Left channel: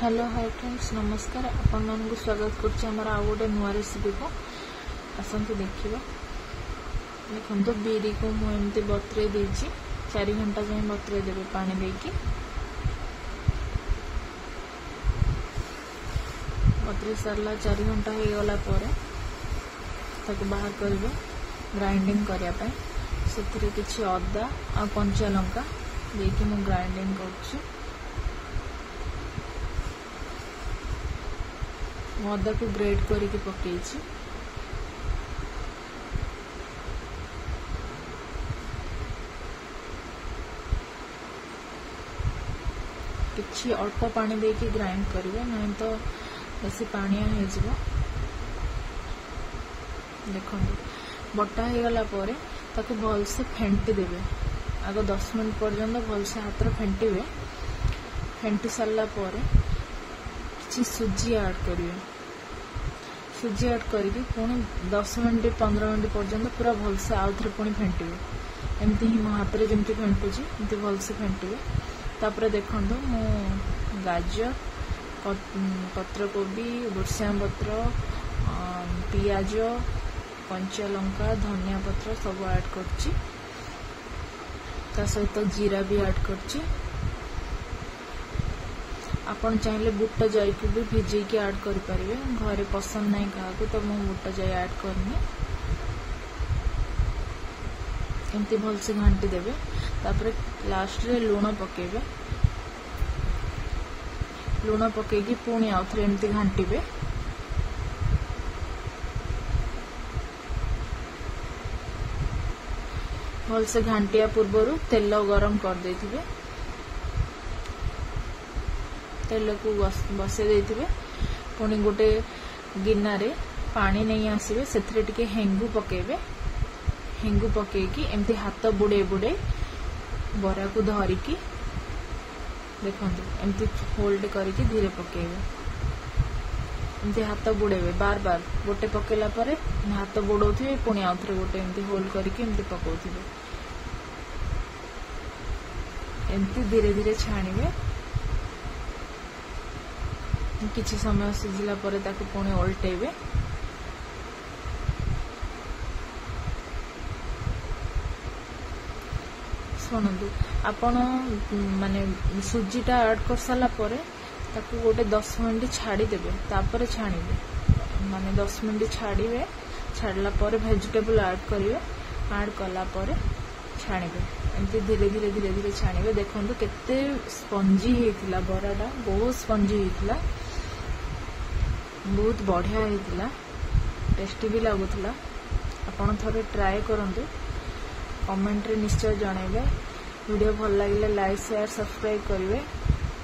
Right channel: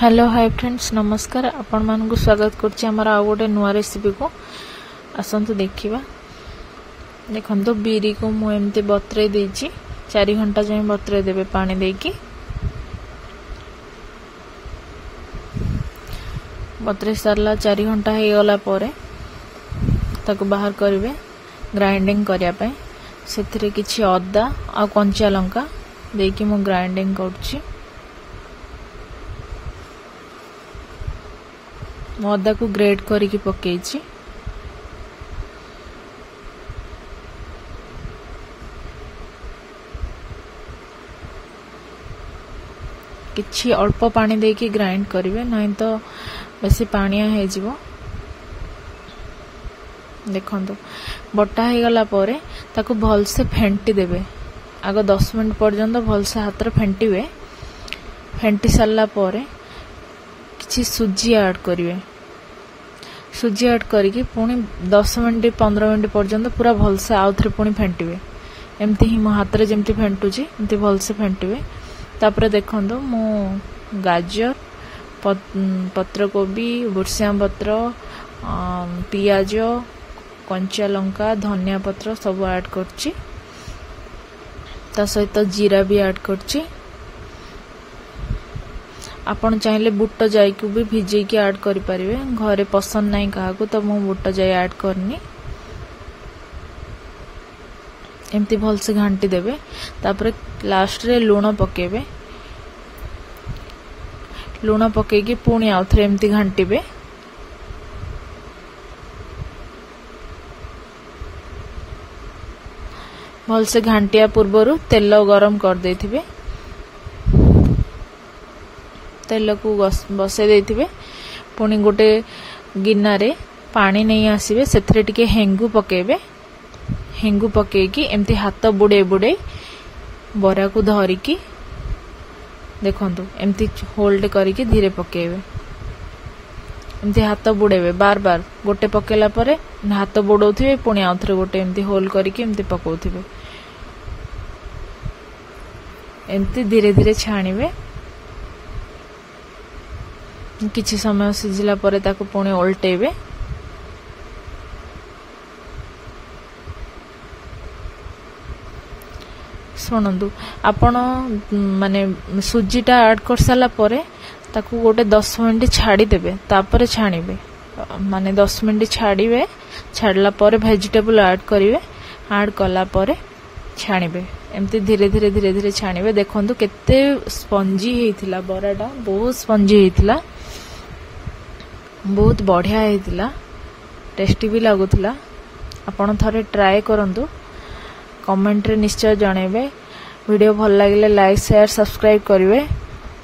Hello hi friends नमस्कार आपण मानकु स्वागत करछि हमर आ गोटे नुआ रेसिपी को आसंतु देखिबा। देखंतु बीरी को मु एमते बतरे देछि 4 घंटा जाय बतरे देबे पानी देकी बतरे सरला 4 घंटा हे गला परे ताको बाहर करिवे ग्राइंडिंग करिया पय सेथिरे किछि अदा आ कंचा लंका देकी मु ग्राइंडिंग करछि। अदा को ग्रेट करके पकेछि किछि अल्प पानी देकी ग्राइंड करिवे नहीं तो बेसी पानिया हे जिवो। देखंतु बटा हे गला परे ताको भल से फेंटी देबे आगो 10 मिनिट पर्यंत भल से हाथ रे फेंटीवे। फेंटी सारला परे किछि सुजी ऐड करिवे। सुजी ऐड करके पुणी 10 मिनिट 15 मिनिट पर्यंत पूरा भल से आउ थे पुणी फेंटीवे। एमती ही मो हाथ रे जेमती फेंटुची एमती भल से फेंटीवे। तापर देखंतु मो गाजर पत्रकोबी भुर्सिया पत्र पियाज कंचा लंका धनिया पत्र सब ऐड करची ता सहित जीरा भी ऐड करची। आपण चाहिले बुट जाई को भी भिजे के ऐड करि परिवे। घरे पसंद नहीं काहा को तो मु बुट जाई ऐड करनी। एमती भल से घांटी देबे तापर लास्ट रे लूण पकेबे। लूण पके के पुणी आउथरे एमती घांटीबे। भल से घांटिया पूर्वरु तेल गरम कर देथिबे। तेल को बसे देथिबे पुणी गोटे गिन्ना रे पानी नहीं आसीबे सेथरे टिके हेंगु पकेबे। हेंगु पकेकी एमती हाथ बुड़े बुड़े बरा को धरिकी देखंतु एमती होल्ड करिकी धीरे पकेबे। एमती हाथ बुड़ेबे बार बार गोटे पकेला परे हाथ बुड़ौथिबे पुणी आउथरे गोटे एमती होल्ड करिकी एमती पकौथिबे। एमती धीरे धीरे छाणीबे। किछि समय सिझिला परे ताको पुणी ओल्टेबे। सुनंदु आपण माने सुजीटा ऐड कर साला परे ताको गोटे 10 मिनिट छाड़ी देबे तापरे छाणीबे। माने 10 मिनिट छाड़ीबे छाड़ला परे वेजिटेबल ऐड करिवे। ऐड कला परे छाणीबे एमती धीरे धीरे धीरे धीरे छाणीबे। देखंतु केते स्पंजी हेतिला बराडा बहुत स्पंजी हेतिला बहुत बढ़िया हेतिला टेस्टी भी लागुथिला। आपण थरे ट्राई करंतु कमेंट रे निश्चय जणेबे। वीडियो भल लागिले लाइक शेयर सब्सक्राइब करिवे।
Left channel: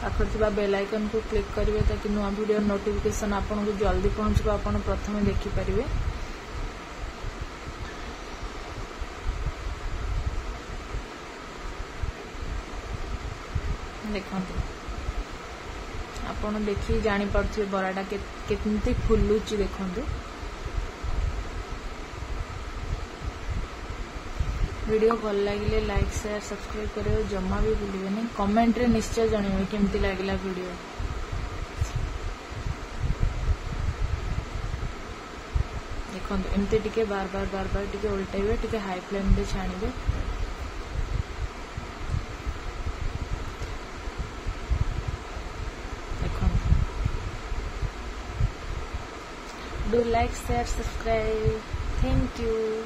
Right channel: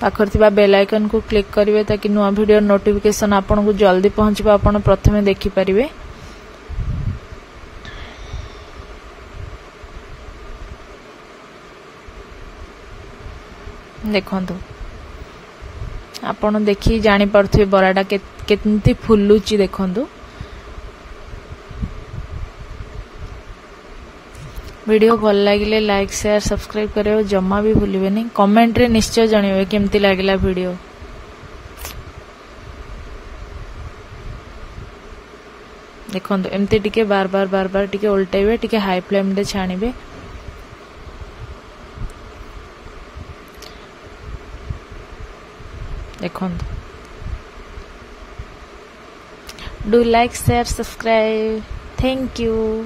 पाखर थिबा बेल आइकन को क्लिक करिवे ताकि नुआ वीडियो नोटिफिकेशन आपण को जल्दी पहुंचबा आपण प्रथमे देखि परिवे। देखंतु आपण देखि जानि परथि बराडा केतनती फुल्लुची देखंतु। वीडियो भल लागिले लाइक शेयर सब्सक्राइब करियो जम्मा भी भूलिबे नहीं। कमेंट रे निश्चय जणिबे केमती लागिला वीडियो। देखंतु एमती टिके बार बार टिके उल्टेबे टिके हाई फ्लेम रे छाणीबे। देखंतु do like share subscribe. Thank you.